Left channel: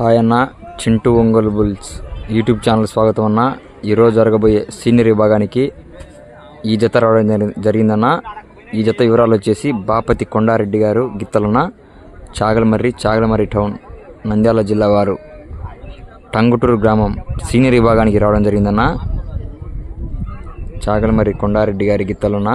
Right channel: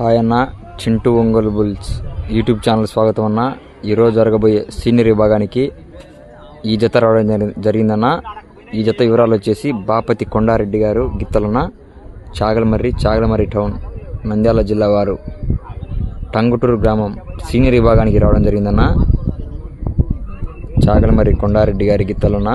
Hi అన్న, Chintu Ongole bulls YouTube channel స్వాగతం అన్న. ఈరోజు జరగబోయే సీనియర్ విభాగానికి ఈ జత రావడం జరిగిందన్న. ఈ జత వివరాలు వచ్చేసి బాపతి కొండారెడ్డి గారు గిత్తలున్న చాగలమర్రి టౌన్ నంద్యాల జిల్లా వారు టంగుటూరు గ్రామం సీనియర్ విభాగానికి రావడం జరిగిందన్న. చాగలమర్రి కొండారెడ్డి గారి గిత్తలున్న